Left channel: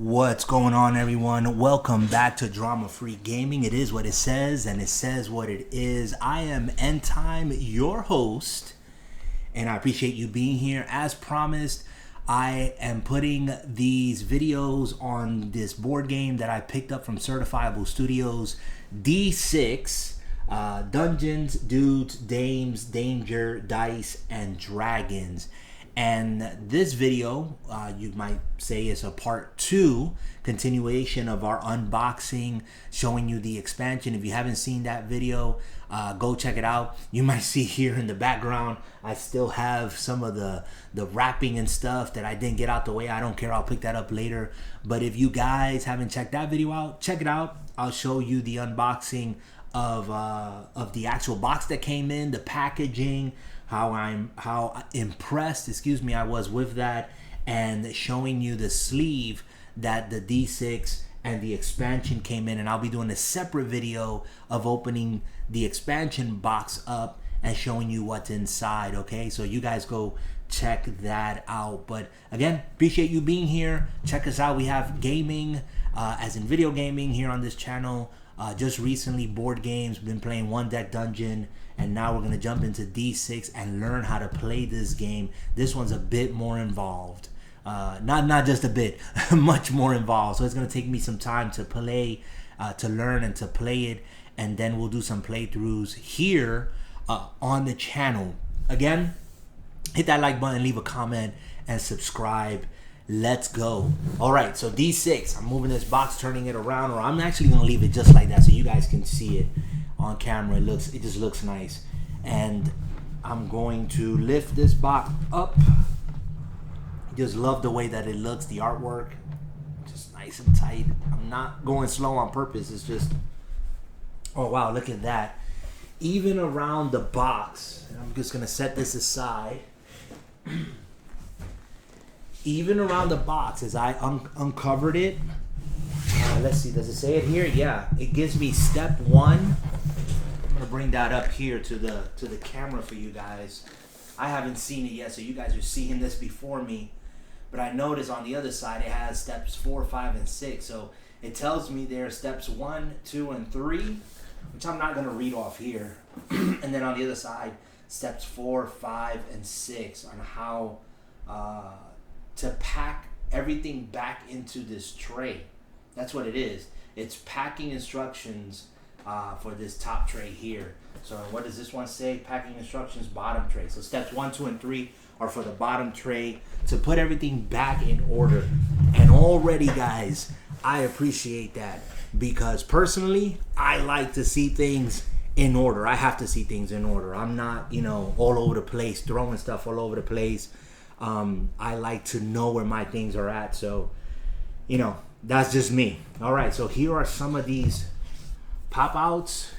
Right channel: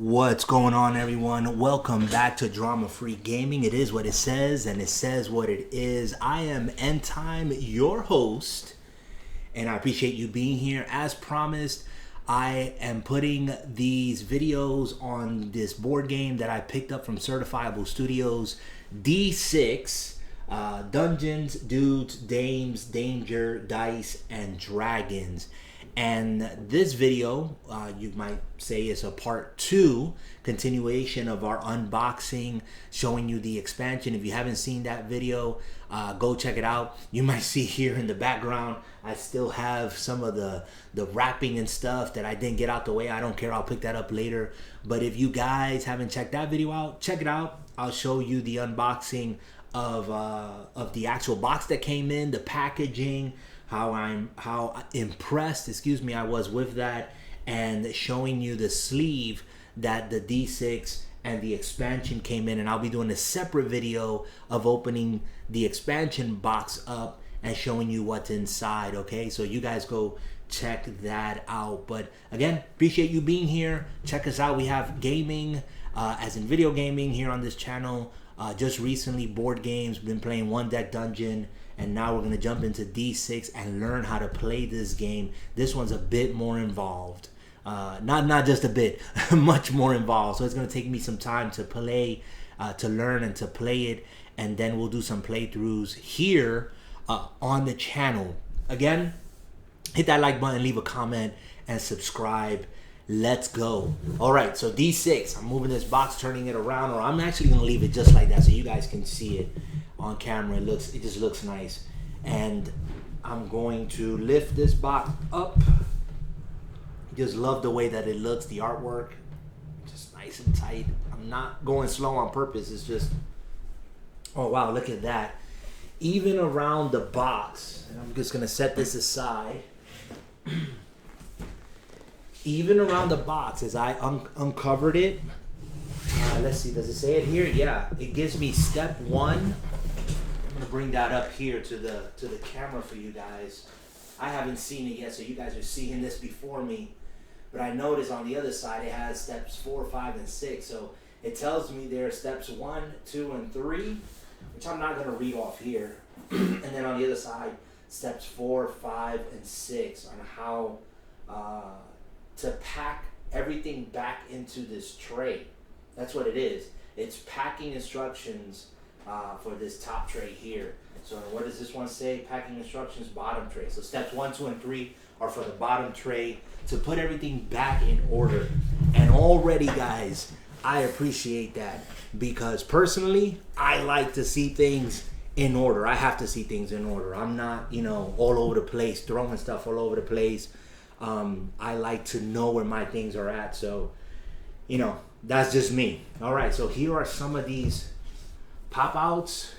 What's going on, everyone? Welcome back to Drama Free Gaming. It is what it says, and it says what it is. I am End Time, your host, and I appreciate you being here. As promised, I am putting these videos on this board game that I picked up from Certifiable Studios, D6, Dungeons, Dudes, Dames, Danger, Dice, and Dragons. And this video, you might say, is a part 2 continuation of our unboxing, showing you the expansion. If you haven't seen that video, go check it out. You might see here in the background, I still have some of the wrapping and stuff that I didn't get out the way. I don't care, I'll pick that up later. But if you guys haven't checked that video out, check it out. I'll show you the unboxing of the actual box that came in, the packaging, how impressed, I was with that, and showing you the sleeve that the D6 and the expansion came in. And I'll be doing a separate video of opening the expansion box up and showing you what's inside. Okay, so you guys go check that out. But again, appreciate you being here. Check us out. We have gaming, as in video gaming, here on this channel. Just recently, board games, been playing One Deck Dungeon, and now we're going to jump into D6 and learn how to play this game. This one's a bit more involved. Not just a bit, much more involved. So it's going to take me some time to play, to learn and to play it, and then we'll do some playthroughs here on the channel. Again, hit that like button, leave a comment, and subscribe. Let's go. All right, so D6, I'm moving this box, turning it around, or I'm actually gonna leave it just like that so you guys can see it on camera. It just looks nice. And I'm going to lift this box up. Just love the way that it looks, the artwork, just nice and tight. I'm not going slow on purpose. It's just, oh wow, look at that. Even around the box, and I'm just gonna set this aside. Even around the box, as I uncovered it, let's see, does it say it here? Yeah, it gives me step 1. I'm gonna bring that up here to the camera for you guys. I haven't seen it yet, so you guys are seeing this before me. But I noticed on the other side it has steps 4, 5, and 6. So it tells me there are steps 1, 2, and 3, which I'm not gonna read off here. And then on the other side, steps 4, 5, and 6 on how to pack everything back into this tray. That's what it is. It's packing instructions for this top tray here. So what does this one say? Packing instructions, bottom tray. So steps 1, 2, and 3 are for the bottom tray to put everything back in order. And already, guys, I appreciate that, because personally, I like to see things in order. I have to see things in order. I'm not, all over the place, throwing stuff all over the place. I like to know where my things are at. So, that's just me. All right, so here are some of these pop outs.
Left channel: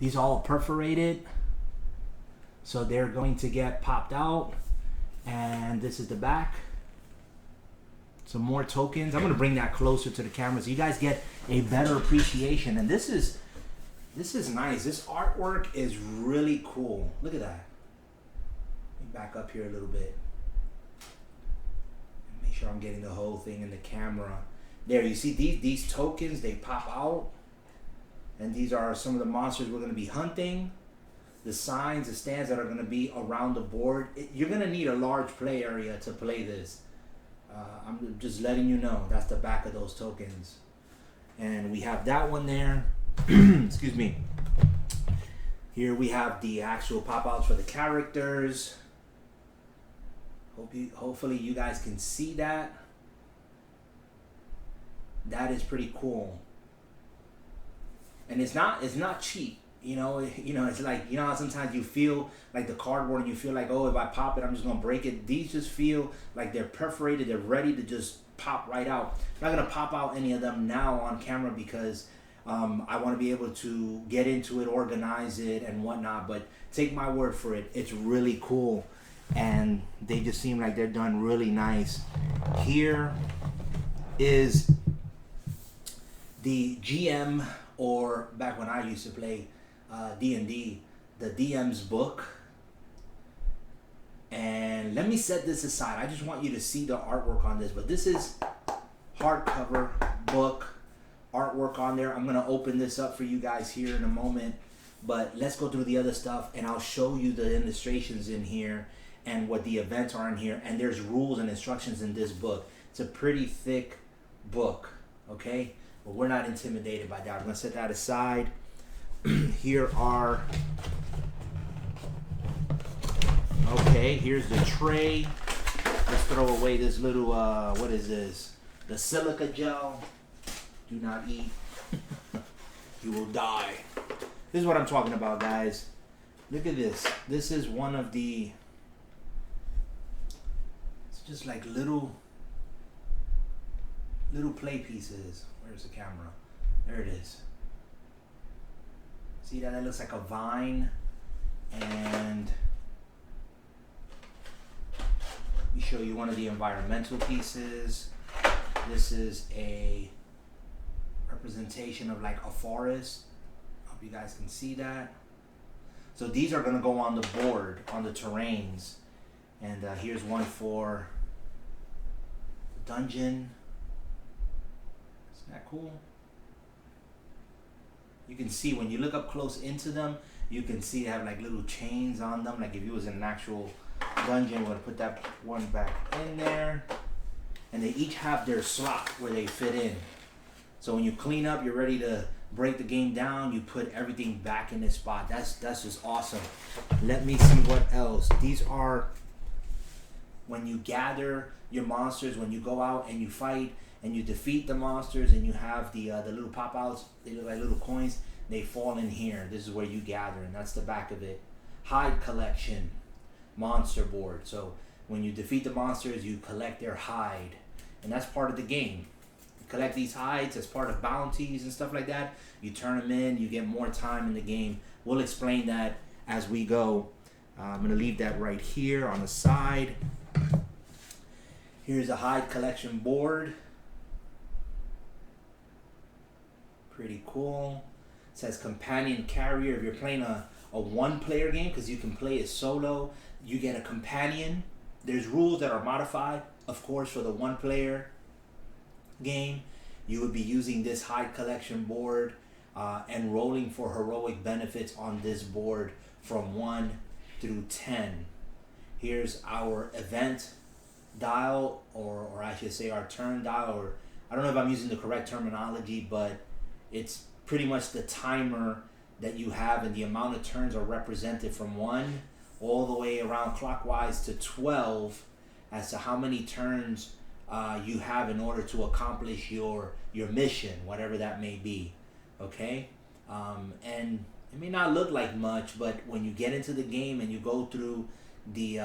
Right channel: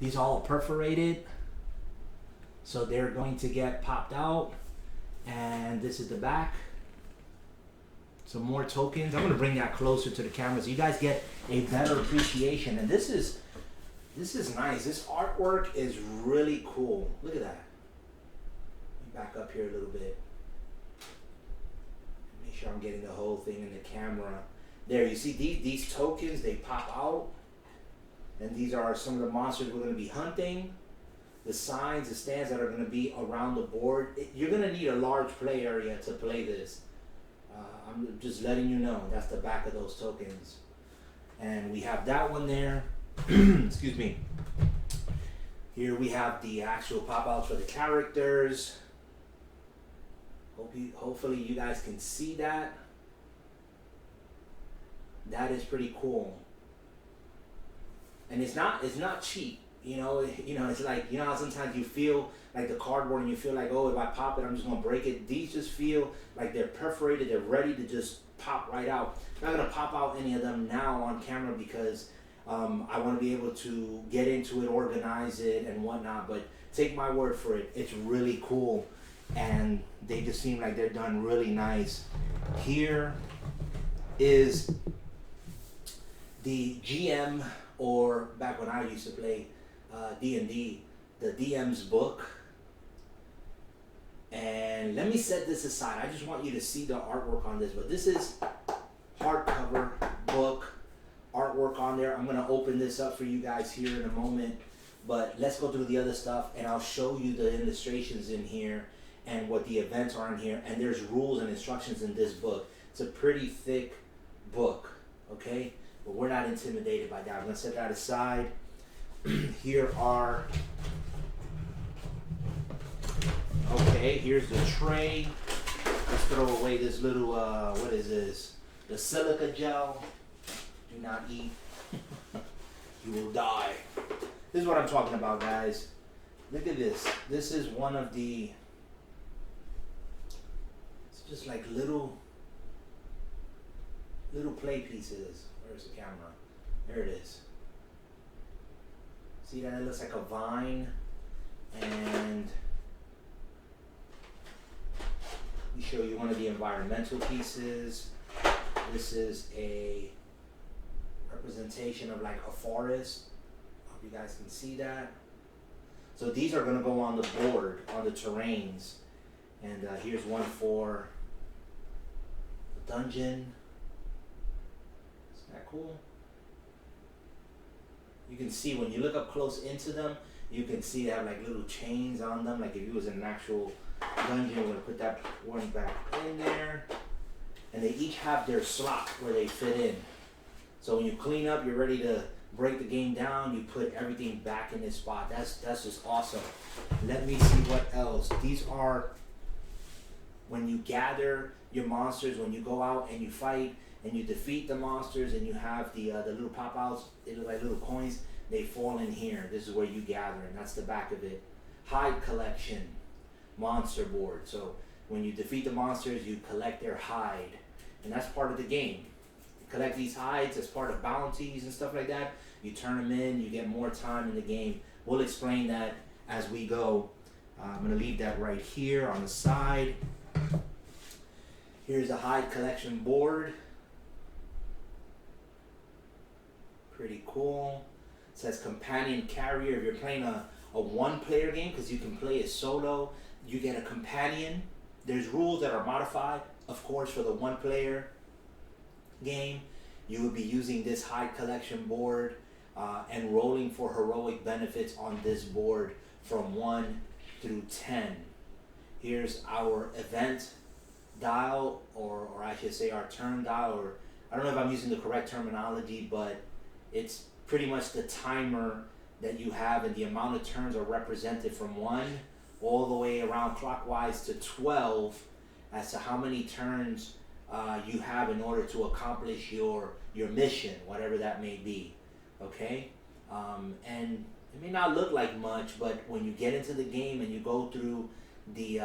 These all perforated, so they're going to get popped out. And this is the back. Some more tokens. I'm going to bring that closer to the camera so you guys get a better appreciation. And this is nice. This artwork is really cool. Look at that. Back up here a little bit. Make sure I'm getting the whole thing in the camera. There, you see these tokens, they pop out. And these are some of the monsters we're going to be hunting. The signs, the stands that are going to be around the board. You're going to need a large play area to play this. I'm just letting you know. That's the back of those tokens. And we have that one there. Excuse me. Here we have the actual pop outs for the characters. Hopefully you guys can see that. That is pretty cool. And it's not cheap. It's like, how sometimes you feel like the cardboard and you feel like, oh, if I pop it, I'm just gonna break it. These just feel like they're perforated, they're ready to just pop right out. I'm not gonna pop out any of them now on camera because I want to be able to get into it, organize it, and whatnot. But take my word for it, it's really cool. And they just seem like they're done really nice. Here is the GM, or back when I used to play D&D, the DM's book. And let me set this aside. I just want you to see the artwork on this. But this is hardcover book, artwork on there. I'm gonna open this up for you guys here in a moment, but let's go through the other stuff and I'll show you the illustrations in here and what the events are in here. And there's rules and instructions in this book. It's a pretty thick book, okay? But we're not intimidated by that. I'm gonna set that aside. Here are, okay, here's the tray. Let's throw away this little, what is this? The silica gel. Do not eat. You will die. This is what I'm talking about, guys. Look at this. This is one of the, it's just like little play pieces. Where's the camera? There it is. See that? It looks like a vine. And we show you one of the environmental pieces. This is a representation of like a forest. Hope you guys can see that. So these are going to go on the board, on the terrains. And here's one for the dungeon. Isn't that cool? You can see when you look up close into them, you can see they have like little chains on them. Like if you was in an actual dungeon, we're going to put that one back in there. And they each have their slot where they fit in. So when you clean up, you're ready to break the game down, you put everything back in its spot. That's just awesome. Let me see what else. These are when you gather your monsters, when you go out and you fight and you defeat the monsters and you have the little pop outs, they look like little coins, they fall in here. This is where you gather, and that's the back of it. Hide collection, monster board. So when you defeat the monsters, you collect their hide, and that's part of the game. Collect these hides as part of bounties and stuff like that. You turn them in, you get more time in the game. We'll explain that as we go. I'm going to leave that right here on the side. Here's a hide collection board. Pretty cool. It says companion carrier. If you're playing a one-player game, because you can play it solo, you get a companion. There's rules that are modified, of course, for the one-player game. You would be using this hide collection board and rolling for heroic benefits on this board from 1 through 10. Here's our event dial, or I should say our turn dial, or I don't know if I'm using the correct terminology, but it's pretty much the timer that you have, and the amount of turns are represented from 1 all the way around clockwise to 12 as to how many turns you have in order to accomplish your mission, whatever that may be. Okay, and it may not look like much, but when you get into the game and you go through the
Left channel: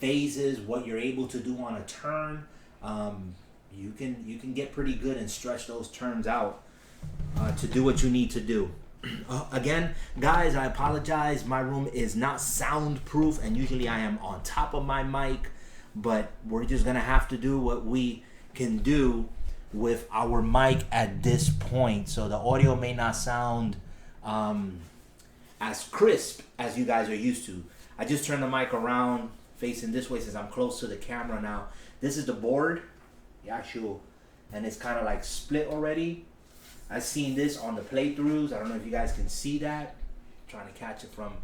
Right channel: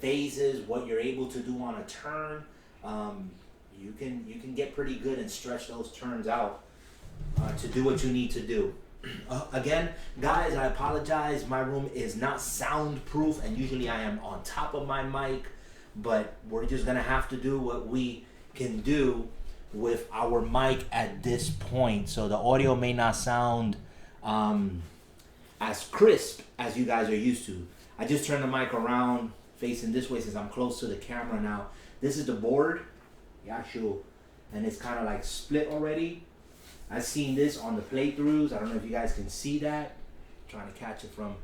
phases, what you're able to do on a turn, you can get pretty good and stretch those turns out to do what you need to do. Again, guys, I apologize. My room is not soundproof, and usually I am on top of my mic. But we're just going to have to do what we can do with our mic at this point. So the audio may not sound as crisp as you guys are used to. I just turned the mic around facing this way since I'm close to the camera now. This is the board, the actual, and it's kind of like split already. I've seen this on the playthroughs. I don't know if you guys can see that. I'm trying to catch it from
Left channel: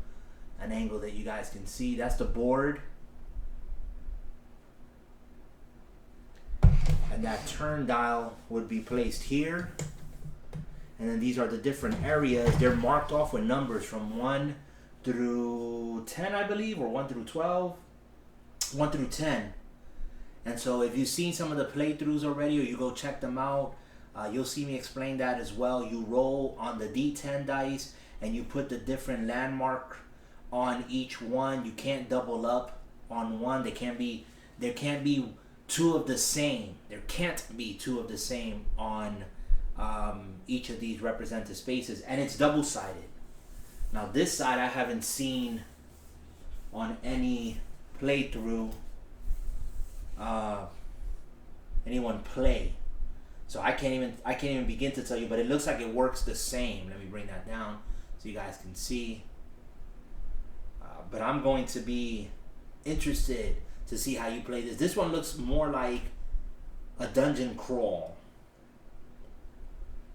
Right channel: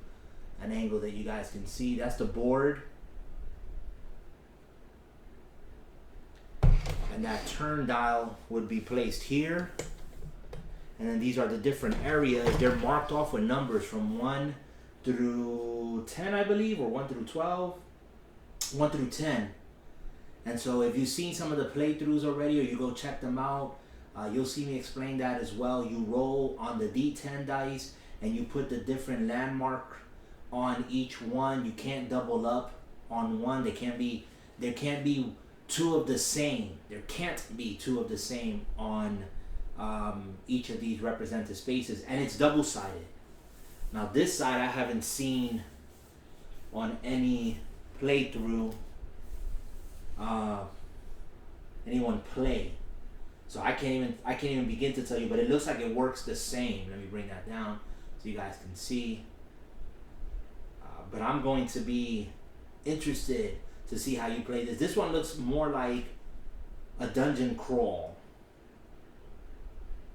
an angle that you guys can see. That's the board. And that turn dial would be placed here. And then these are the different areas. They're marked off with numbers from 1 through 10, I believe, or 1 through 12. 1 through 10. And so if you've seen some of the playthroughs already, or you go check them out, you'll see me explain that as well. You roll on the D10 dice and you put the different landmark on each one. You can't double up on one. There can't be two of the same. There can't be two of the same on each of these represented spaces, and it's double-sided. Now this side I haven't seen on any playthrough anyone play, so I can't even begin to tell you, but it looks like it works the same. Let me bring that down so you guys can see. But I'm going to be interested to see how you play this. This one looks more like a dungeon crawl.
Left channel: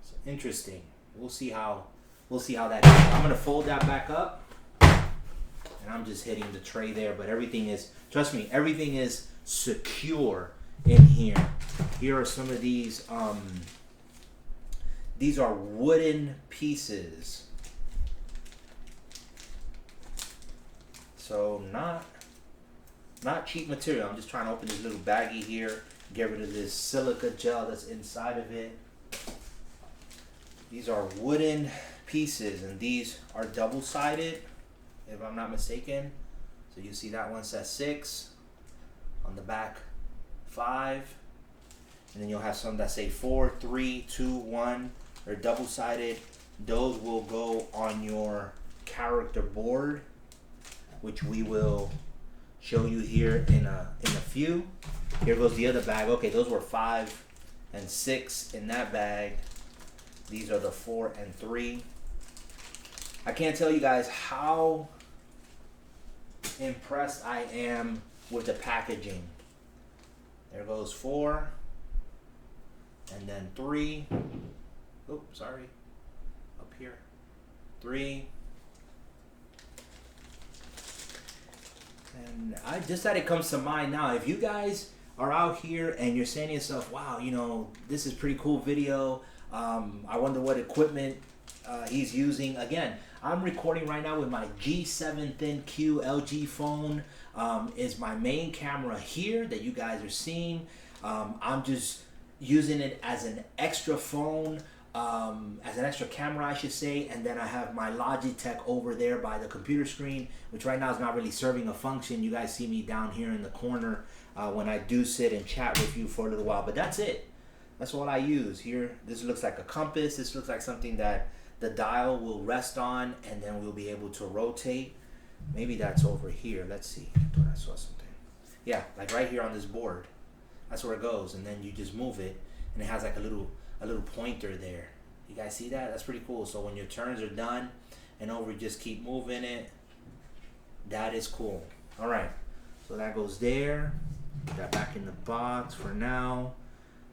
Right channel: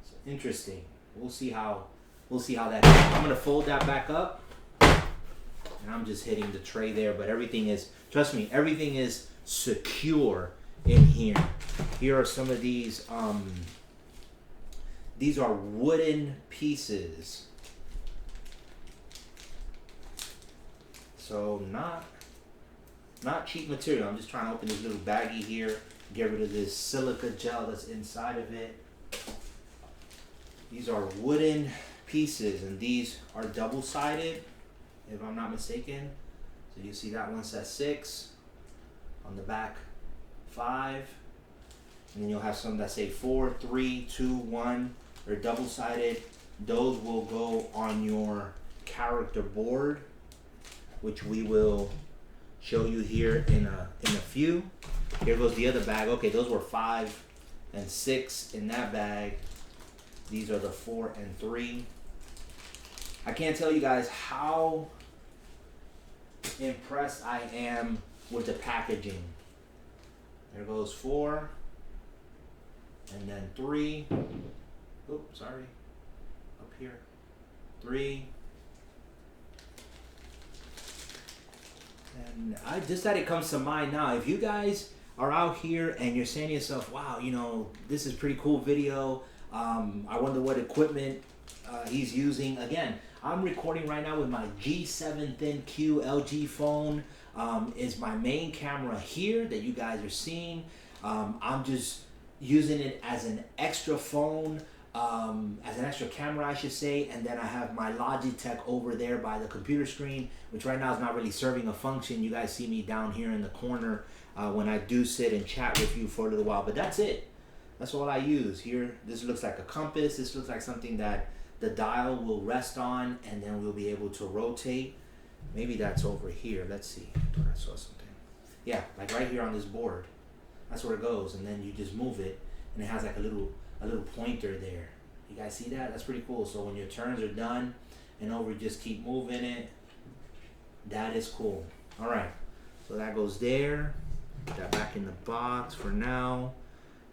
It's interesting. We'll see how that is. I'm gonna fold that back up, and I'm just hitting the tray there. But everything is, trust me, everything is secure in here. Here are some of these. These are wooden pieces. So not cheap material. I'm just trying to open this little baggie here, get rid of this silica gel that's inside of it. These are wooden pieces, and these are double-sided, if I'm not mistaken. So you see that one says 6, on the back 5, and then you'll have some that say 4, 3, 2, 1. They're double-sided. Those will go on your character board, which we will show you here in a few. Here goes the other bag. Okay, those were 5 and 6 in that bag. These are the 4 and 3. I can't tell you guys how impressed I am with the packaging. There goes 4, and then 3. Oops, sorry. Up here. 3. And I just that it comes to mind now. If you guys are out here and you're saying to yourself, wow, you know, this is pretty cool video. I wonder what equipment he's using. Again, I'm recording right now with my G7 Thin Q LG phone. Is my main camera here that you guys are seeing. I'm just using it as an extra phone, as an extra camera, I should say, and then I have my Logitech over there by the computer screen, which right now is not really serving a function. You guys see me down here in the corner when I do sit and chat with you for a little while, but that's it. That's all I use here. This looks like a compass. This looks like something that the dial will rest on, and then we'll be able to rotate. Maybe that's over here. Let's see. I thought I saw something. Yeah, like right here on this board. That's where it goes, and then you just move it, and it has like a little pointer there. You guys see that? That's pretty cool. So when your turns are done and over, just keep moving it. That is cool. All right, so that goes there. Put that back in the box for now.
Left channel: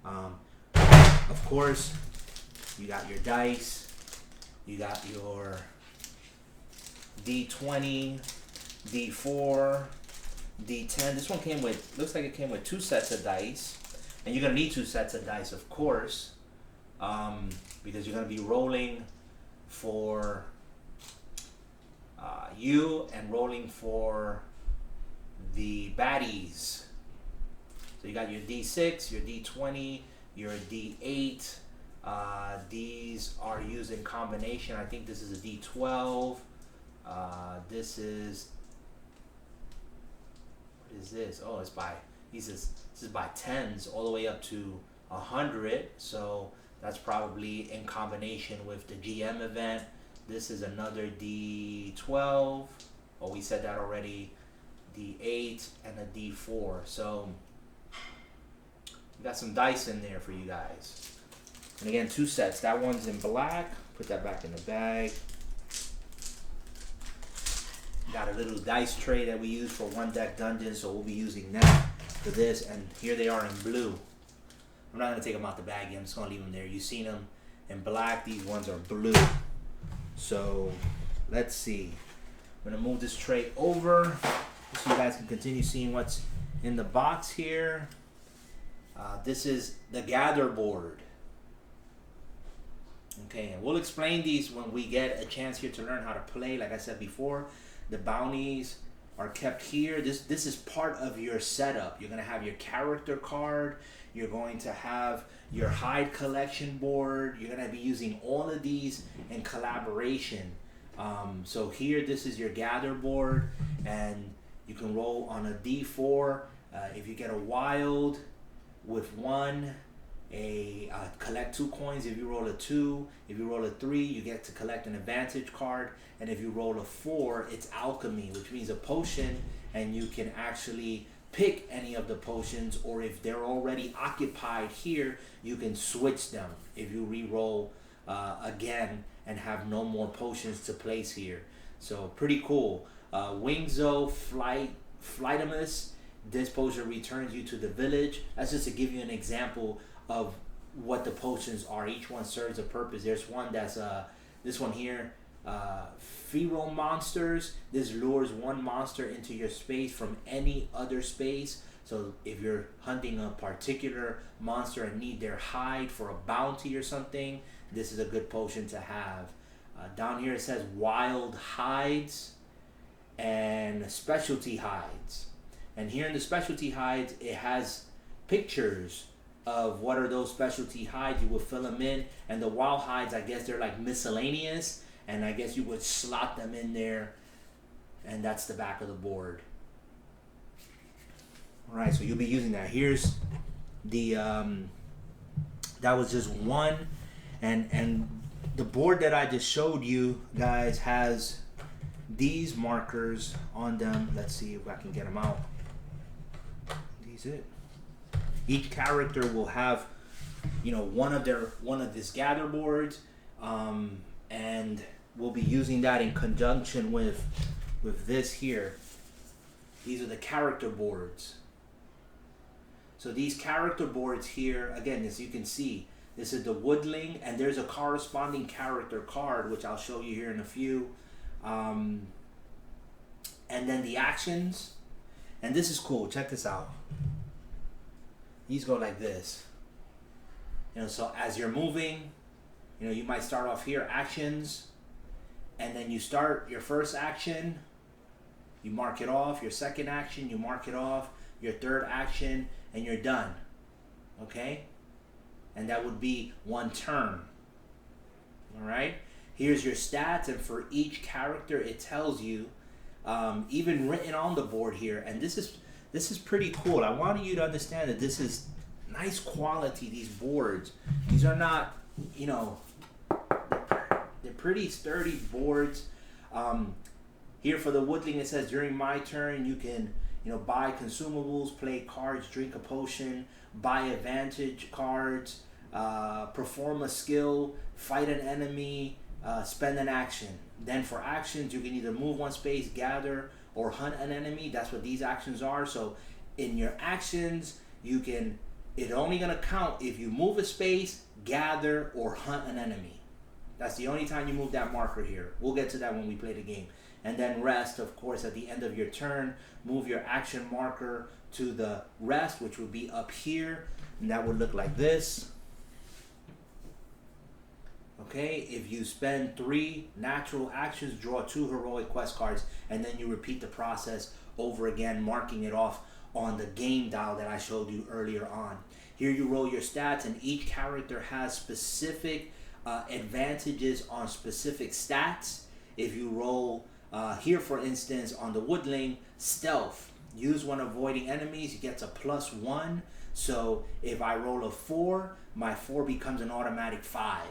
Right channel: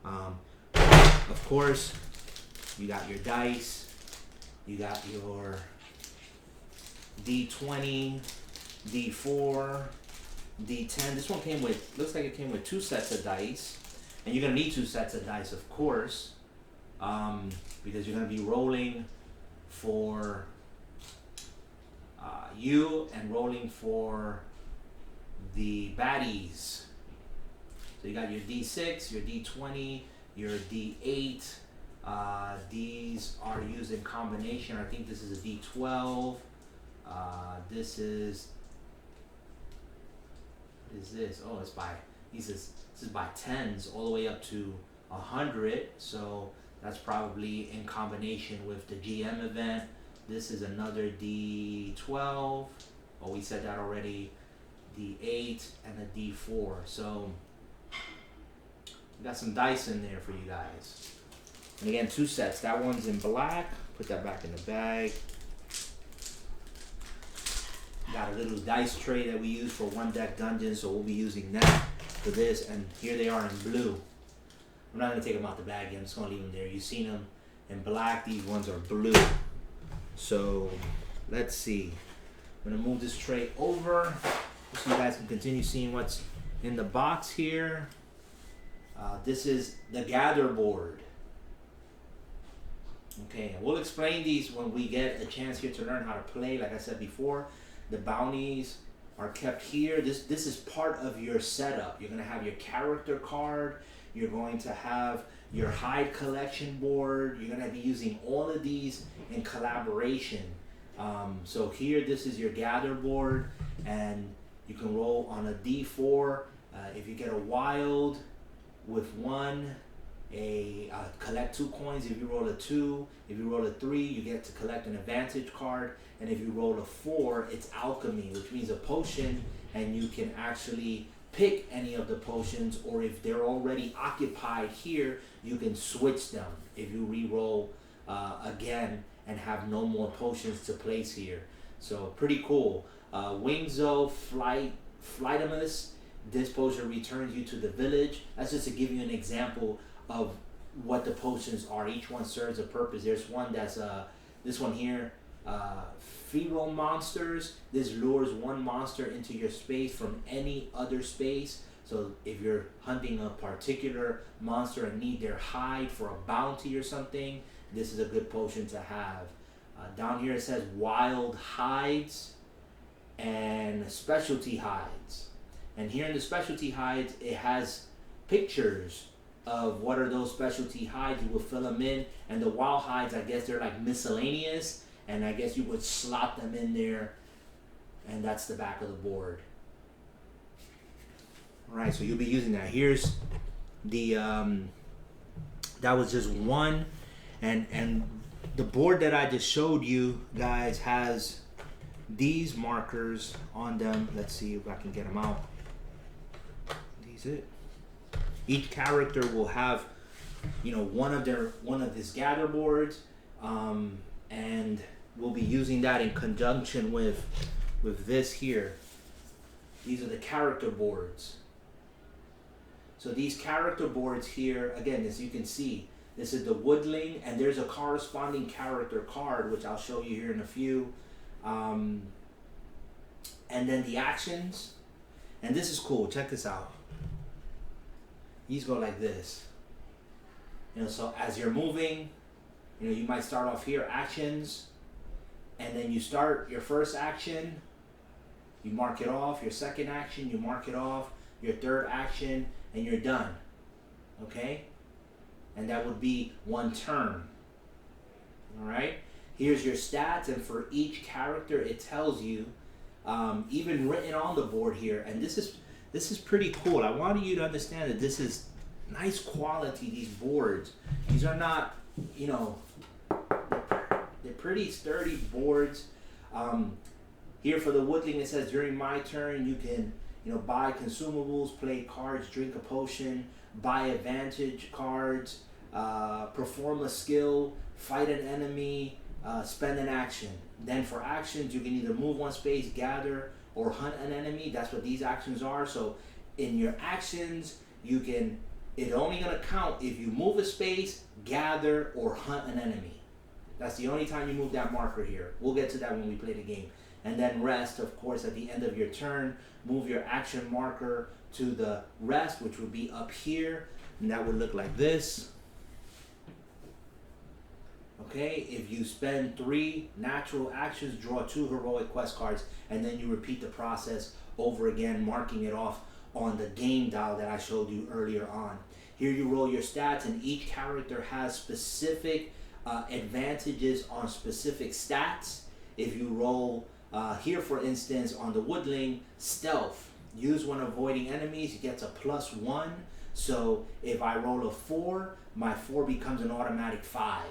Of course, you got your dice. You got your D20, D4, D10. This one came with, looks like it came with 2 sets of dice. And you're going to need 2 sets of dice, of course, because you're going to be rolling for you and rolling for the baddies. So you got your D6, your D20, your D8. These are used in combination. I think this is a D12. This is, what is this? Oh, it's by, this is by 10s all the way up to 100. So that's probably in combination with the GM event. This is another D12. Oh, we said that already. D8 and a D4. So we got some dice in there for you guys. And again, 2 sets. That one's in black. Put that back in the bag. Got a little dice tray that we use for one deck dungeons, so we'll be using that for this. And here they are in blue. I'm not going to take them out the bag yet. I'm just going to leave them there. You've seen them in black. These ones are blue. So let's see. I'm going to move this tray over so you guys can continue seeing what's in the box here. This is the gather board. Okay, and we'll explain these when we get a chance here to learn how to play. Like I said before, the bounties are kept here. This is part of your setup. You're going to have your character card. You're going to have your hide collection board. You're going to be using all of these in collaboration. So here, this is your gather board, and you can roll on a D4. If you get a wild with 1, collect 2 coins. If you roll a 2, if you roll a 3, you get to collect an advantage card. And if you roll a 4, it's alchemy, which means a potion, and you can actually pick any of the potions, or if they're already occupied here, you can switch them if you re-roll again and have no more potions to place here. So pretty cool. Wingzo Flightimus This potion returns you to the village. That's just to give you an example of what the potions are. Each one serves a purpose. There's one that's this one here, feral monsters. This lures one monster into your space from any other space. So if you're hunting a particular monster and need their hide for a bounty or something, this is a good potion to have. Down here it says wild hides and specialty hides. And here in the specialty hides, it has pictures of what are those specialty hides. You would fill them in. And the wild hides, I guess they're like miscellaneous. And I guess you would slot them in there. And that's the back of the board. All right, so you'll be using that. Here's the, that was just one. And the board that I just showed you guys has these markers on them. Let's see if I can get them out. These it. Each character will have, you know, one of these gather boards, and we'll be using that in conjunction with this here. These are the character boards. So these character boards here, again, as you can see, this is the woodling, and there's a corresponding character card, which I'll show you here in a few. And then the actions, and this is cool. Check this out. These go like this. You know, so as you're moving, you know, you might start off here, actions, and then you start your first action, you mark it off. Your second action, you mark it off. Your third action, and you're done. Okay? And that would be one turn. All right? Here's your stats, and for each character, it tells you, even written on the board here. And this is pretty cool. I want you to understand that this is nice quality. These boards, these are not, you know, they're pretty sturdy boards. Here for the woodling, it says during my turn, you can, you know, buy consumables, play cards, drink a potion, buy advantage cards, perform a skill, fight an enemy, spend an action. Then for actions, you can either move one space, gather, or hunt an enemy. That's what these actions are. So in your actions, you can, it's only going to count if you move a space, gather, or hunt an enemy. That's the only time you move that marker here. We'll get to that when we play the game. And then rest, of course, at the end of your turn, move your action marker to the rest, which would be up here. And that would look like this. Okay, if you spend 3 natural actions, draw 2 heroic quest cards, and then you repeat the process over again, marking it off on the game dial that I showed you earlier on. Here you roll your stats, and each character has specific advantages on specific stats. If you roll here, for instance, on the woodling, stealth, use when avoiding enemies, you get a +1. So if I roll a 4, my 4 becomes an automatic 5.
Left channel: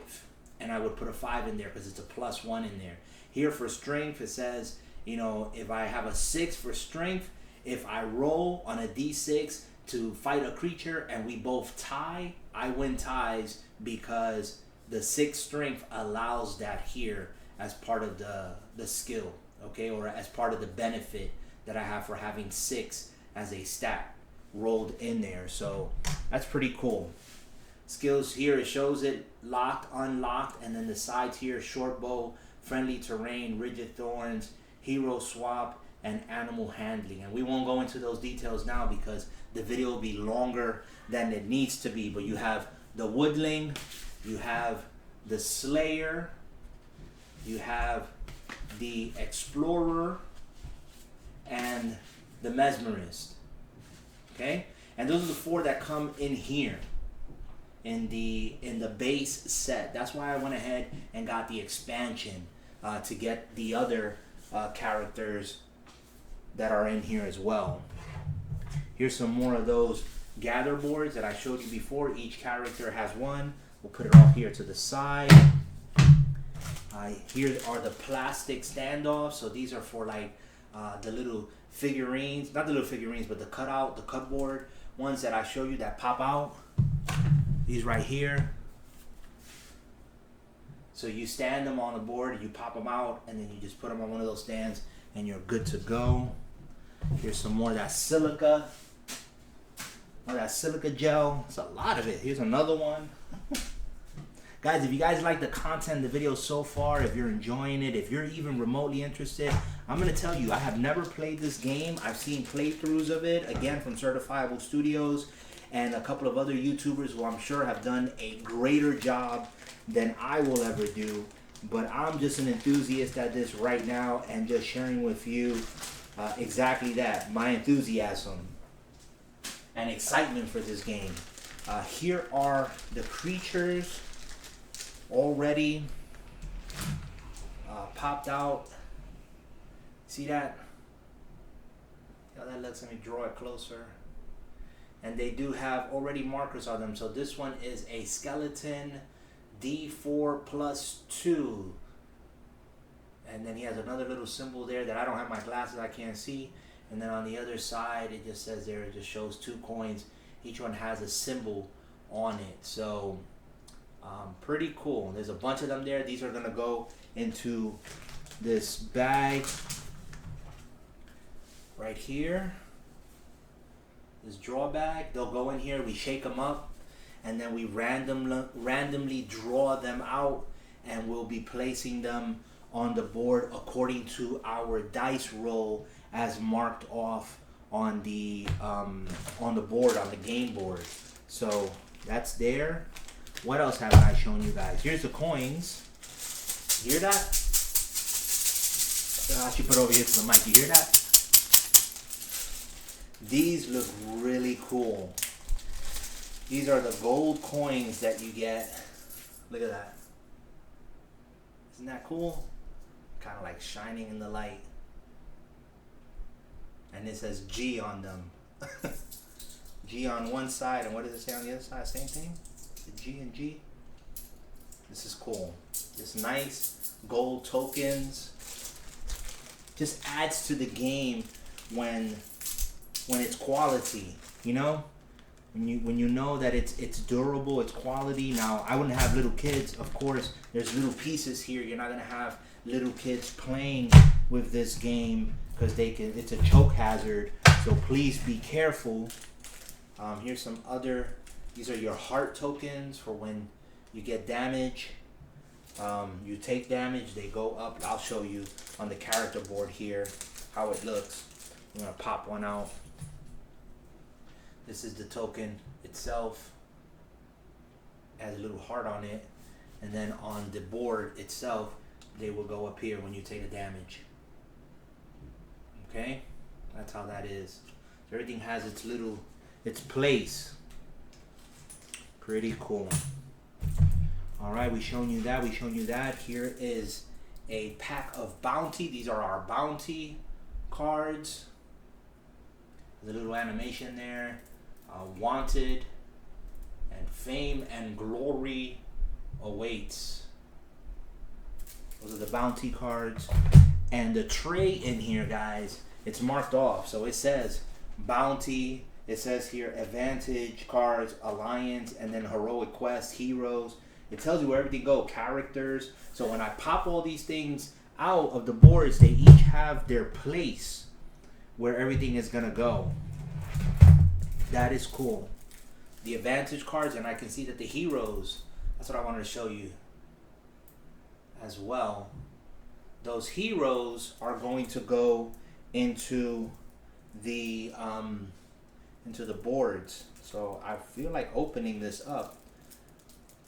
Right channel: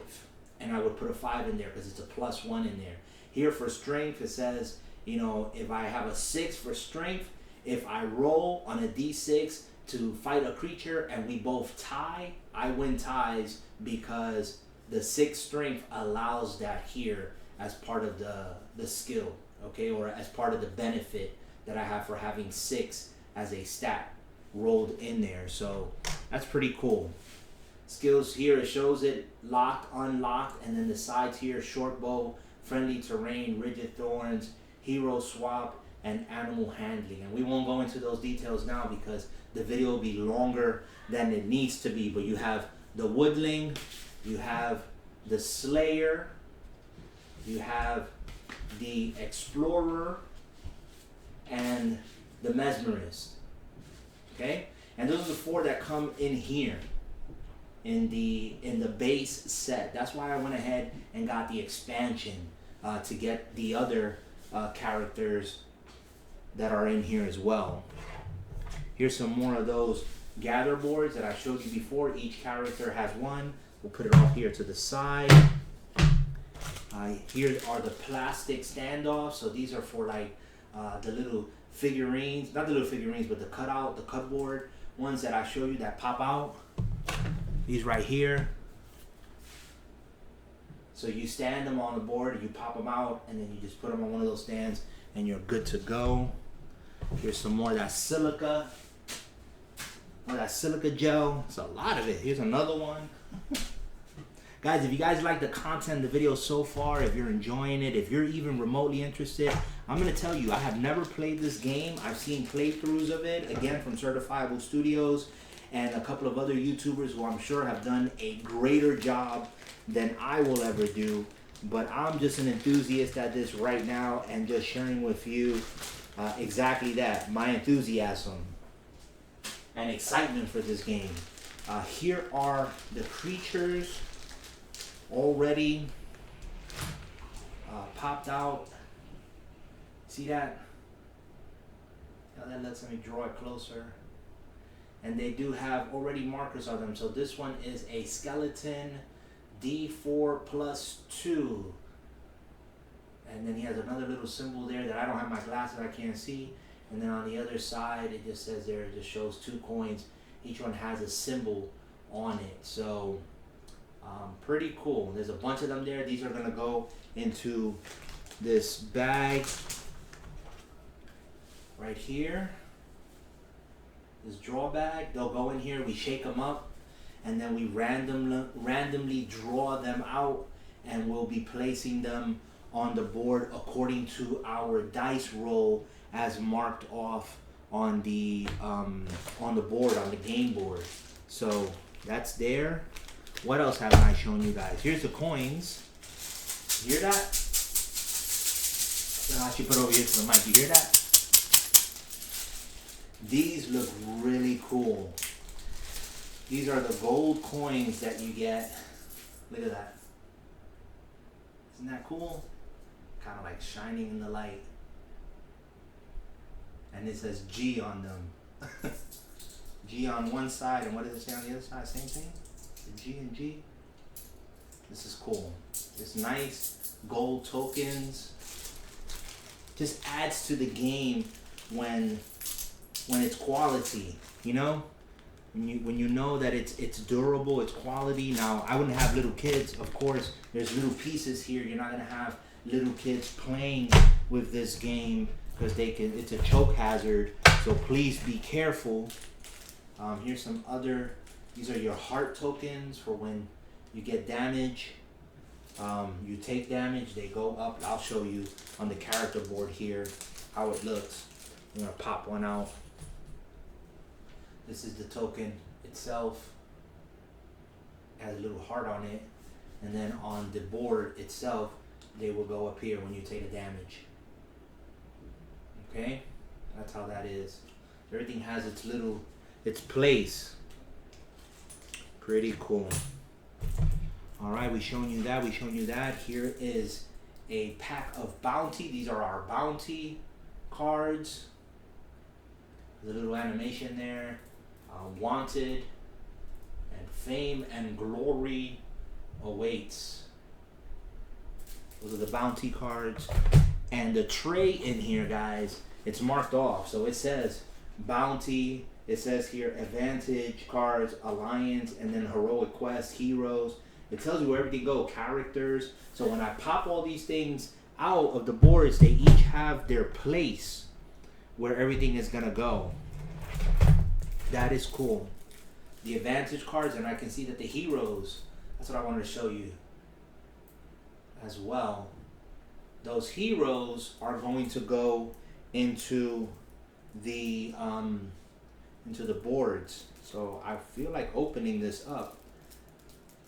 And I would put a 5 in there because it's a +1 in there. Here for strength, it says, you know, if I have a 6 for strength, if I roll on a d6 to fight a creature and we both tie, I win ties because the 6 strength allows that here as part of the skill, okay, or as part of the benefit that I have for having 6 as a stat rolled in there. So that's pretty cool. Skills here, it shows it locked, unlocked, and then the sides here, short bow, friendly terrain, rigid thorns, hero swap, and animal handling. And we won't go into those details now because the video will be longer than it needs to be. But you have the woodling, you have the slayer, you have the explorer, and the mesmerist. Okay? And those are the 4 that come in here in the base set. That's why I went ahead and got the expansion to get the other characters that are in here as well. Here's some more of those gather boards that I showed you before. Each character has one. We'll put it off here to the side. Here are the plastic standoffs. So these are for like the little figurines, not the little figurines, but the cutout, the cutboard ones that I show you that pop out. These right here. So you stand them on the board, you pop them out, and then you just put them on one of those stands, and you're good to go. Here's some more of that silica Oh, that silica gel. It's a lot of it. Here's another one. Guys, if you guys like the content, the video so far, if you're enjoying it, if you're even remotely interested, I'm going to tell you, I have never played this game. I've seen playthroughs of it, again, from Certifiable Studios and a couple of other YouTubers who I'm sure have done a greater job than I will ever do. But I'm just an enthusiast at this right now and just sharing with you exactly that, my enthusiasm and excitement for this game. Here are the creatures already popped out. See that? Now that lets me draw it closer. And they do have already markers on them. So this one is a skeleton D4+2. And then he has another little symbol there that I don't have my glasses, I can't see. And then on the other side, it just says there, it just shows 2 coins. Each one has a symbol on it. So pretty cool. There's a bunch of them there. These are going to go into this bag right here. This draw bag. They'll go in here. We shake them up. And then we randomly draw them out. And we'll be placing them on the board according to our dice roll as marked off on the board, on the game board. So that's there. What else haven't I shown you guys? Here's the coins. You hear that? I should put over here to the mic. You hear that? These look really cool. These are the gold coins that you get. Look at that. Isn't that cool? Kind of like shining in the light. And it says G on them. G on one side, and what does it say on the other side? Same thing? The G and G. This is cool. This nice gold tokens. Just adds to the game when it's quality, you know? When you know that it's durable, it's quality. Now, I wouldn't have little kids, of course. There's little pieces here. You're not gonna have little kids playing with this game because it's a choke hazard. So please be careful. Here's some other. These are your heart tokens for when you get damage. You take damage, they go up. I'll show you on the character board here how it looks. I'm gonna pop one out. This is the token itself. It has a little heart on it. And then on the board itself, they will go up here when you take the damage. Okay? That's how that is. Everything has its place. Pretty cool. Alright, we've shown you that. We've shown you that. Here is a pack of bounty. These are our bounty cards. There's a little animation there. Wanted and fame and glory awaits. Those are the bounty cards. And the tray in here, guys, it's marked off. So it says bounty. It says here advantage cards, alliance, and then heroic quest, heroes. It tells you where everything goes, characters. So when I pop all these things out of the boards, they each have their place where everything is gonna go. That is cool. The advantage cards, and I can see that the heroes, that's what I wanted to show you as well. Those heroes are going to go into the boards. So I feel like opening this up.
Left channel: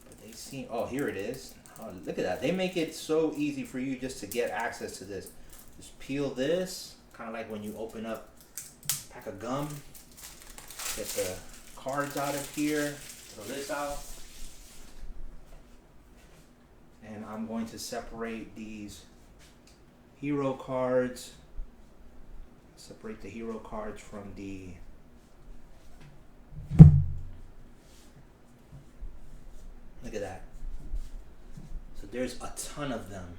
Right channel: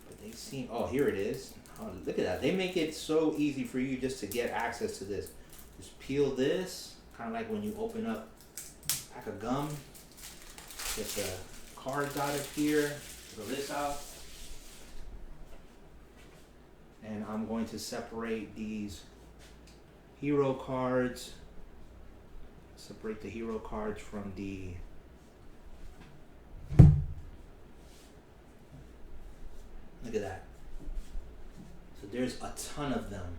But they seem, oh, here it is. Oh, look at that. They make it so easy for you just to get access to this. Just peel this, kind of like when you open up a pack of gum. Get the cards out of here, throw this out. And I'm going to separate these hero cards. Separate the hero cards from the look at that. So there's a ton of them.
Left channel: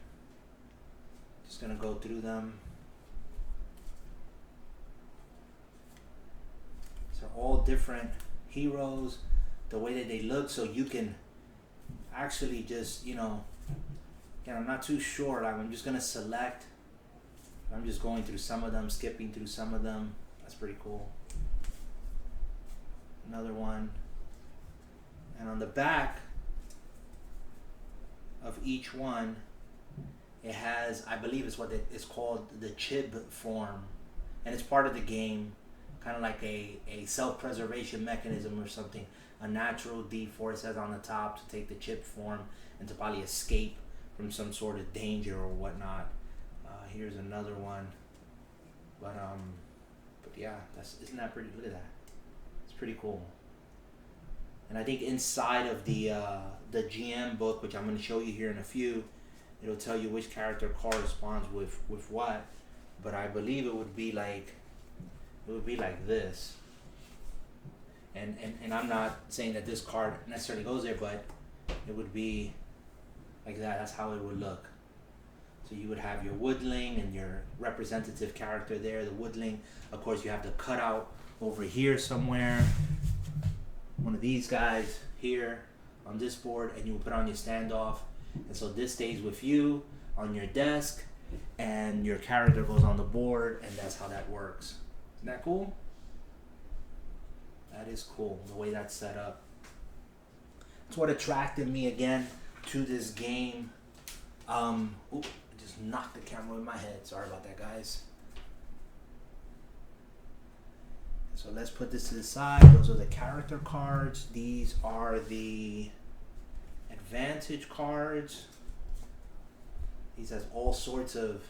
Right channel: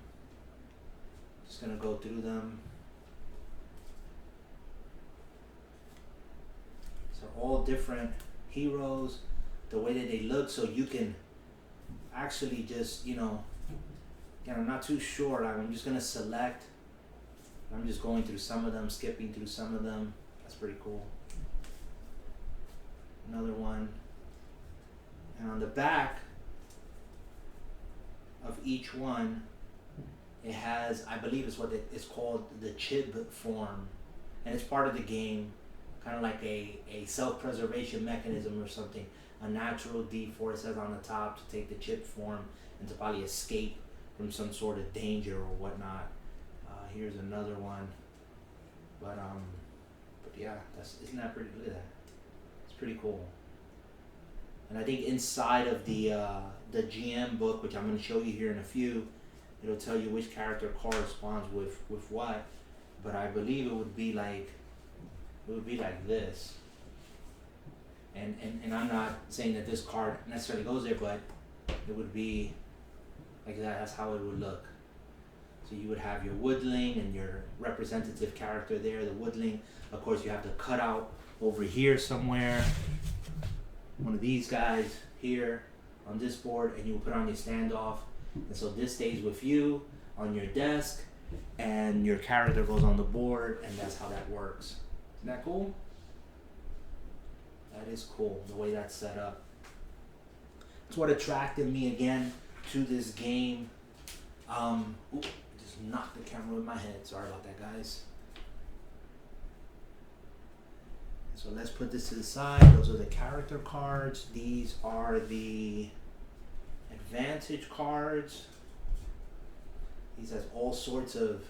Just gonna go through them. So all different heroes, the way that they look, so you can actually just, again, I'm not too sure. I'm just gonna select. I'm just going through some of them, skipping through some of them. That's pretty cool. Another one. And on the back of each one, it has, I believe it's what it's called, the chib form. And it's part of the game, kind of like a self-preservation mechanism or something. A natural D4, it says on the top, to take the chip form and to probably escape from some sort of danger or whatnot. Here's another one. But yeah, isn't that pretty? Look at that. It's pretty cool. And I think inside of the GM book, which I'm going to show you here in a few, it'll tell you which character corresponds with what. But I believe it would be like this. And I'm not saying that this card necessarily goes there, but it would be like that. That's how it would look. So you would have your woodling and your representative character there. The woodling, of course, you have to cut out over here somewhere. One of these guys here on this board, and you will put on your standoff. And so this stays with you on your desk, and your character goes on the board, and that's how that works. Isn't that cool? That is cool, the way that's set up. That's what attracted me again to this game. Oop, I just knocked the camera with my head. Sorry about that, guys. So let's put this to the side. Those are the character cards. These are the advantage cards. These has all sorts of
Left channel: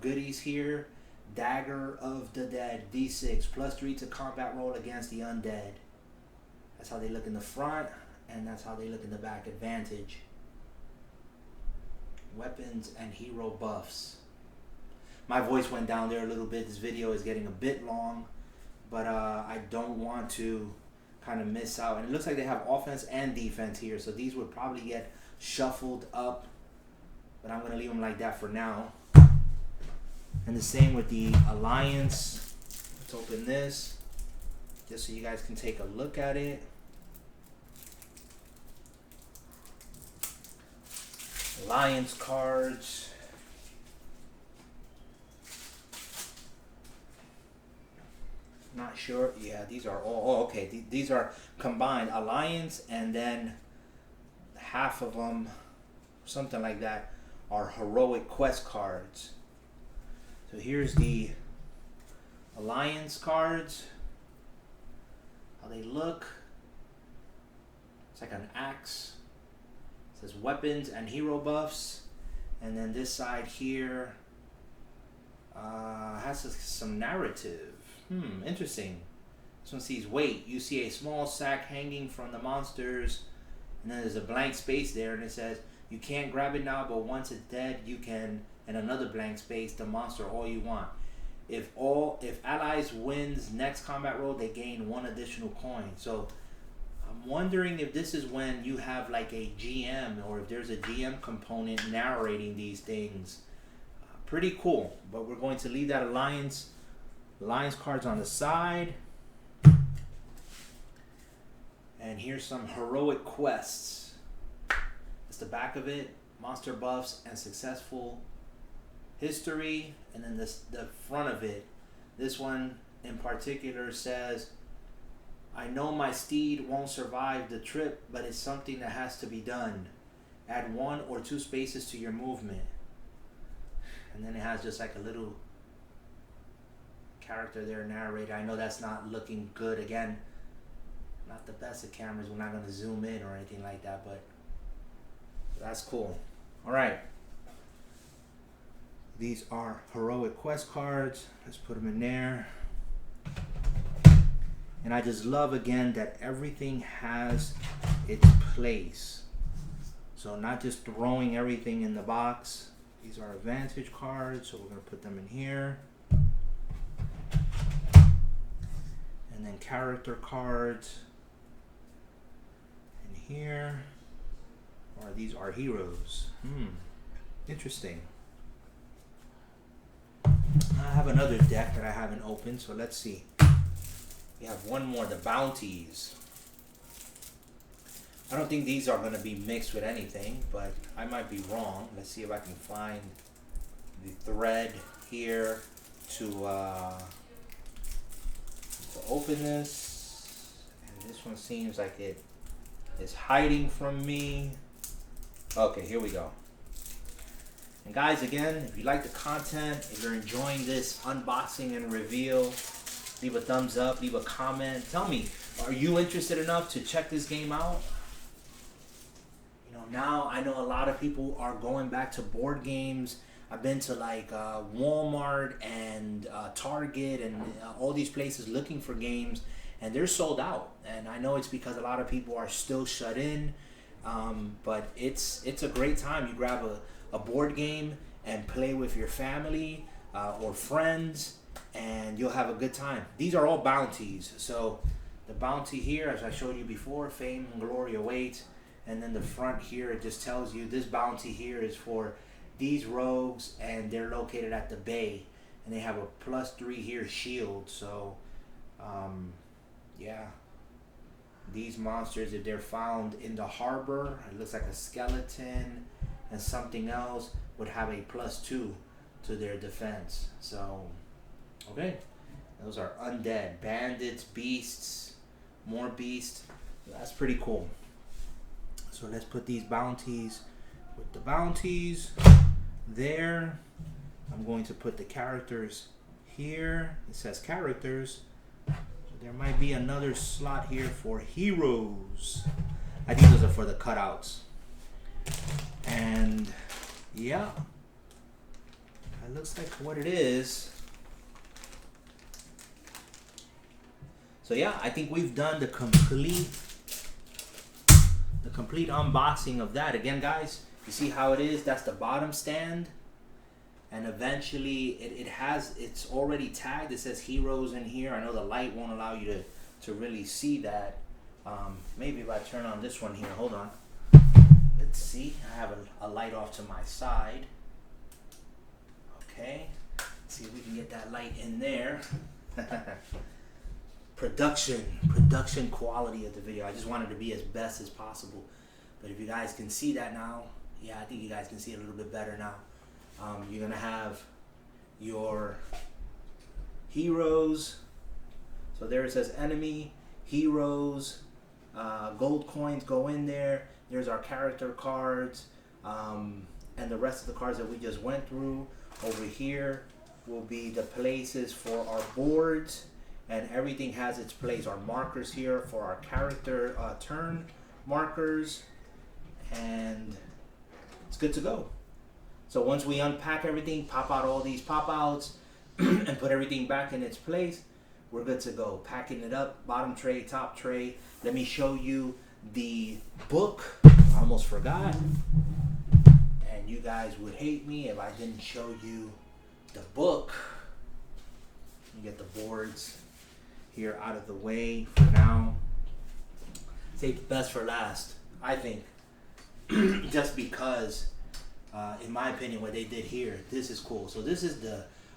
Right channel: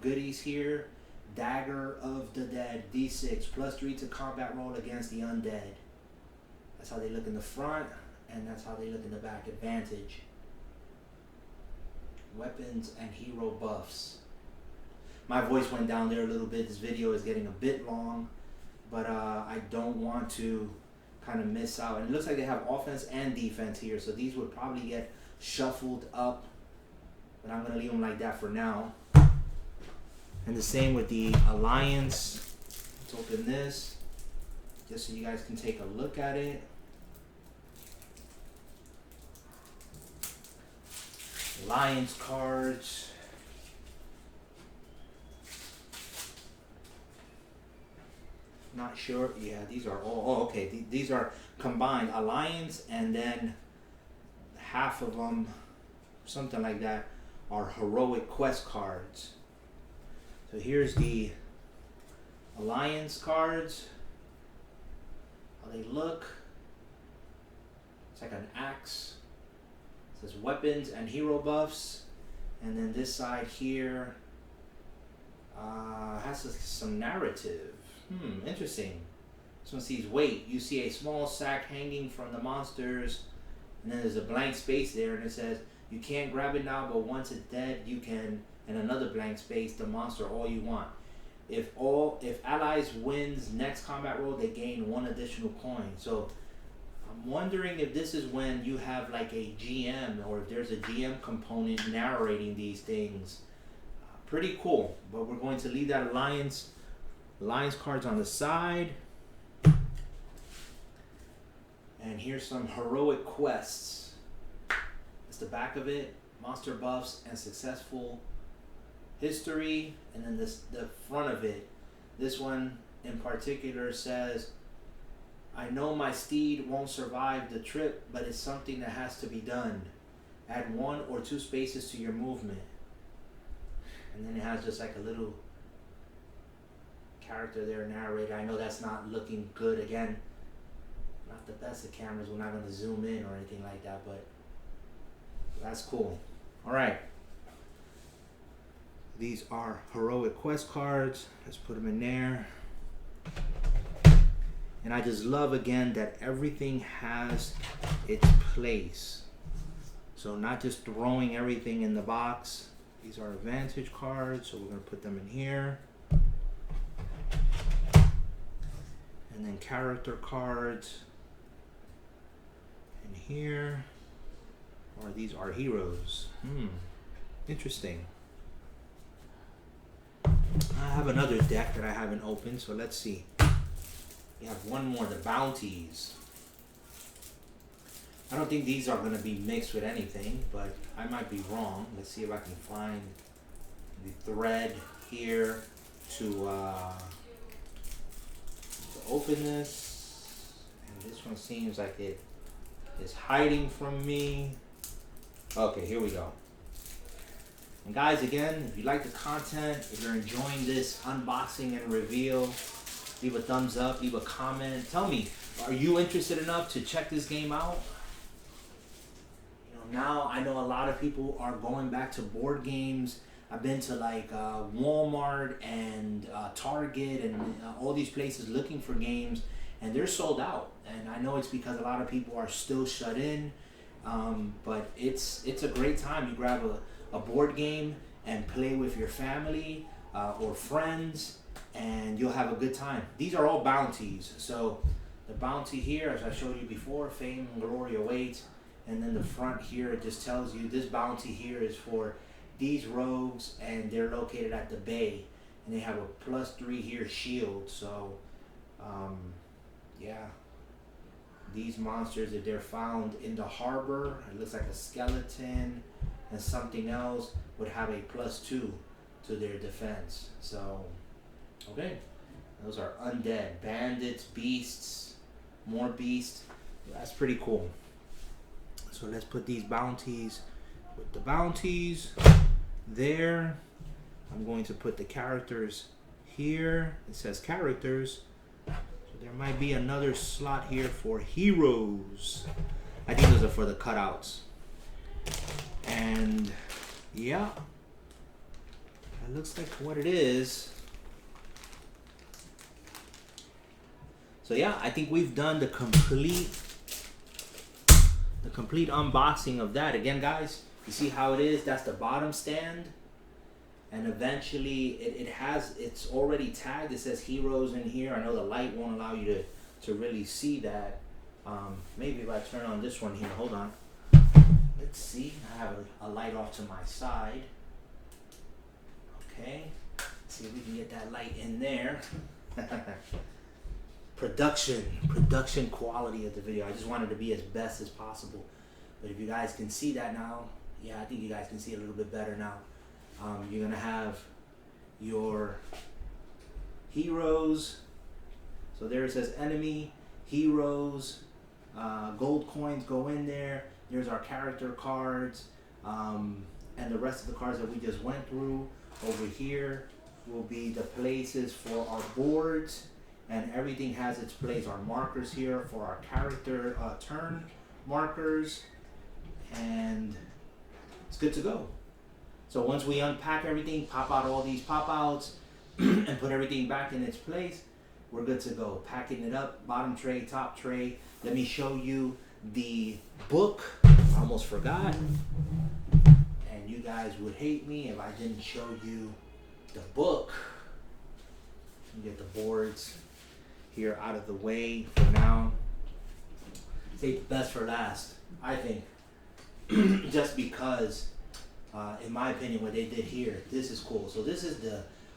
goodies here. Dagger of the Dead, D6, +3 to combat roll against the undead. That's how they look in the front, and that's how they look in the back. Advantage. Weapons and hero buffs. My voice went down there a little bit. This video is getting a bit long, but I don't want to kind of miss out. And it looks like they have offense and defense here, so these would probably get shuffled up, but I'm going to leave them like that for now. And the same with the Alliance. Let's open this just so you guys can take a look at it. Alliance cards. Not sure. Yeah, these are all. Oh, okay. These are combined Alliance, and then half of them, something like that, are heroic quest cards. So here's the Alliance cards. How they look. It's like an axe. It says weapons and hero buffs. And then this side here has some narrative. Interesting. This one sees weight. You see a small sack hanging from the monsters. And then there's a blank space there, and it says, you can't grab it now, but once it's dead, you can, and another blank space, the monster all you want. If allies wins next combat roll, they gain 1 additional coin. So I'm wondering if this is when you have like a GM, or if there's a GM component narrating these things. Pretty cool. But we're going to leave that Alliance cards on the side. And here's some heroic quests. It's the back of it. Monster buffs and successful history. And then the front of it. This one in particular says, I know my steed won't survive the trip, but it's something that has to be done. Add 1 or 2 spaces to your movement. And then it has just like a little character there, narrator. I know that's not looking good. Again, not the best of cameras. We're not going to zoom in or anything like that, but that's cool. All right. These are heroic quest cards. Let's put them in there. And I just love, again, that everything has its place. So not just throwing everything in the box. These are advantage cards, so we're going to put them in here. And then character cards in here. Or these are heroes. Interesting. I have another deck that I haven't opened, so let's see. We have one more, the bounties. I don't think these are going to be mixed with anything, but I might be wrong. Let's see if I can find the thread here to open this. This one seems like it is hiding from me. Okay, here we go. And guys, again, if you like the content, if you're enjoying this unboxing and reveal, leave a thumbs up, leave a comment. Tell me, are you interested enough to check this game out? You know, now I know a lot of people are going back to board games. I've been to like Walmart and Target and all these places looking for games, and they're sold out. And I know it's because a lot of people are still shut in, but it's a great time. You grab a board game and play with your family or friends, and you'll have a good time. These are all bounties. So the bounty here, as I showed you before, fame and glory awaits. And then the front here, it just tells you this bounty here is for these rogues, and they're located at the bay, and they have a +3 here shield. So yeah, these monsters, if they're found in the harbor, it looks like a skeleton and something else, would have a +2 to their defense. So okay, those are undead bandits, beasts, more beasts. That's pretty cool. So let's put these bounties with the bounties there. I'm going to put the characters here. It says characters, so there might be another slot here for heroes. I think those are for the cutouts. And yeah, that looks like what it is. So yeah, I think we've done the complete unboxing of that. Again, guys, you see how it is? That's the bottom stand, and eventually it's already tagged. It says heroes in here. I know the light won't allow you to really see that. Maybe if I turn on this one here, hold on. Let's see. I have a light off to my side. Okay. Let's see if we can get that light in there. Production quality of the video. I just wanted to be as best as possible. But if you guys can see that now, yeah, I think you guys can see it a little bit better now. You're gonna have your heroes. So there it says enemy, heroes, gold coins go in there. There's our character cards, and the rest of the cards that we just went through. Over here will be the places for our boards, and everything has its place. Our markers here for our character turn markers, and it's good to go. So once we unpack everything, pop out all these pop outs, and put everything back in its place, we're good to go. Packing it up, bottom tray, top tray. Let me show you the book. I almost forgot. And you guys would hate me if I didn't show you the book. You get the boards here out of the way for now. Save the best for last, I think. Just because, in my opinion, what they did here, this is cool. So this is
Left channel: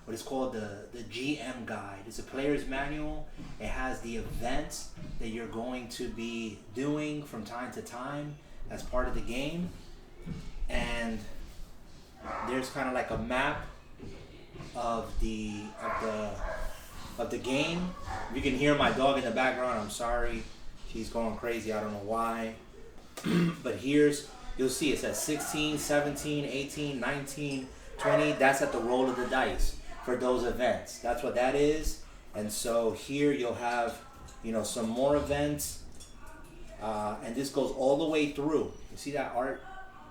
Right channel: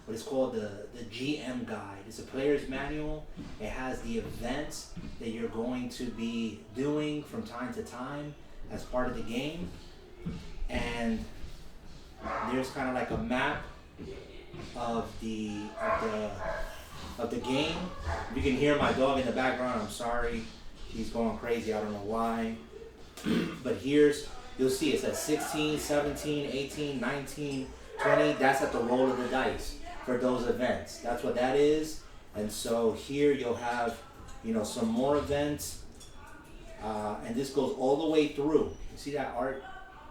what is called the GM guide. It's a player's manual. It has the events that you're going to be doing from time to time as part of the game. And there's kind of like a map of the game. You can hear my dog in the background. I'm sorry, she's going crazy. I don't know why. But you'll see it says 16, 17, 18, 19, 20. That's at the roll of the dice for those events. That's what that is. And so here you'll have, some more events, and this goes all the way through. You see that art?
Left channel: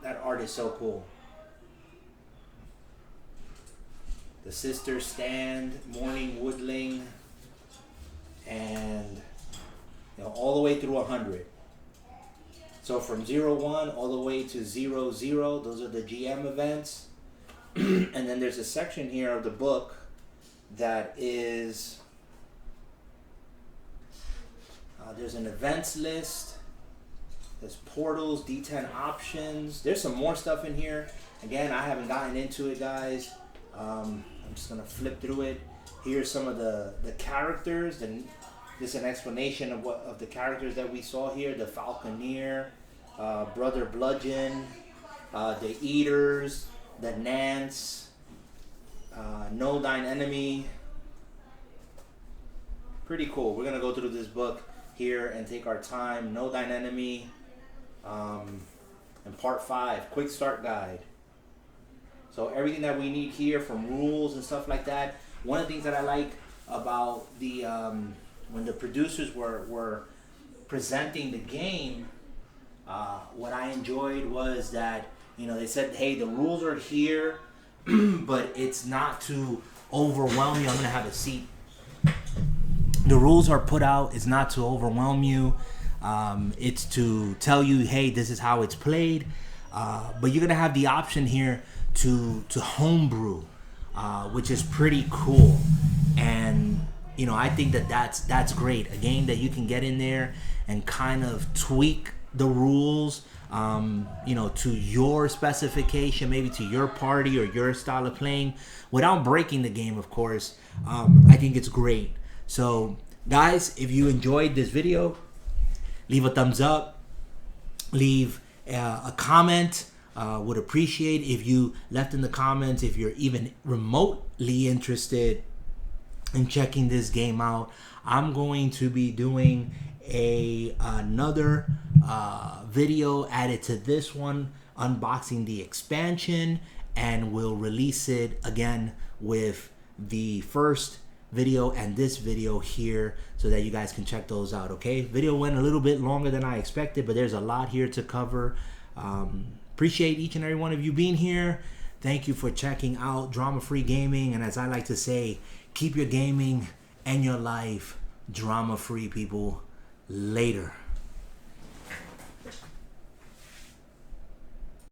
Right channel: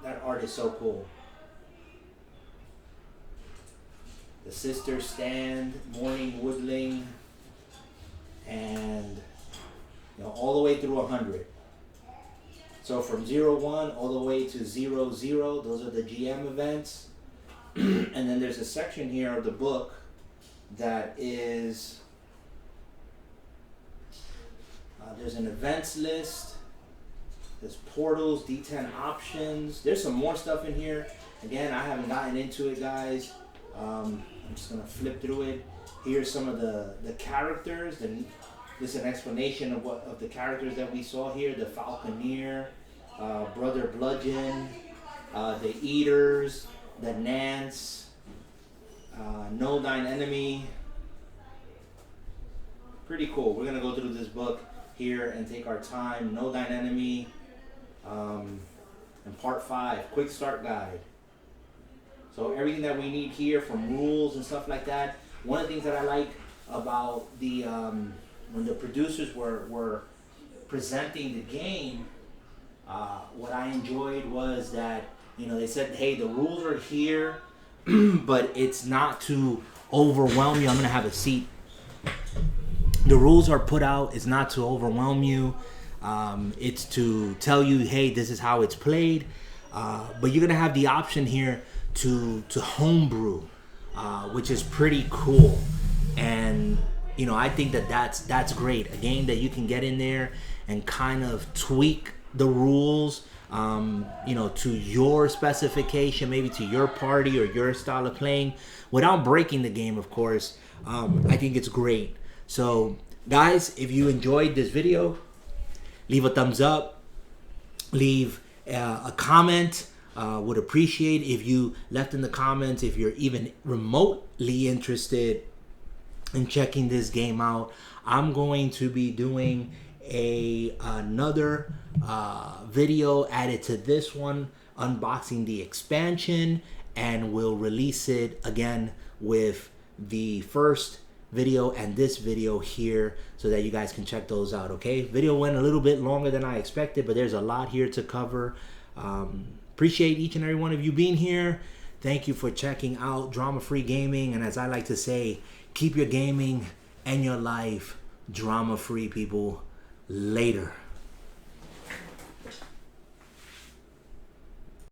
That art is so cool. The Sister Stand, Morning Woodling, and all the way through 100. So from 01 all the way to 00, those are the GM events. And then there's a section here of the book that is, there's an events list, there's portals, D10 options. There's some more stuff in here. Again, I haven't gotten into it, guys. I'm just gonna flip through it. Here's some of the characters. This is an explanation of the characters that we saw here. The Falconeer, Brother Bludgeon, the Eaters, the Nance, Know Thine Enemy. Pretty cool. We're gonna go through this book here and take our time. No Thine Enemy. And part 5, quick start guide. So everything that we need here, from rules and stuff like that. One of the things that I like about the when the producers were presenting the game, what I enjoyed was that, you know, they said, hey, the rules are here, but it's not to overwhelm you. I'm gonna have a seat. The rules are put out. It's not to overwhelm you. It's to tell you, hey, this is how it's played. But you're gonna have the option here to homebrew, which is pretty cool. And you know, I think that's great. A game that you can get in there and kind of tweak the rules, you know, to your specification, maybe to your party or your style of playing, without breaking the game, of course. I think it's great. So, guys, if you enjoyed this video, leave a thumbs up, leave a comment. Would appreciate if you left in the comments if you're even remotely interested in checking this game out. I'm going to be doing another video added to this one, unboxing the expansion, and we'll release it again with the first video and this video here so that you guys can check those out. Okay, video went a little bit longer than I expected, but there's a lot here to cover. Appreciate each and every one of you being here. Thank you for checking out Drama Free Gaming, and as I like to say, keep your gaming and your life drama free, people. Later.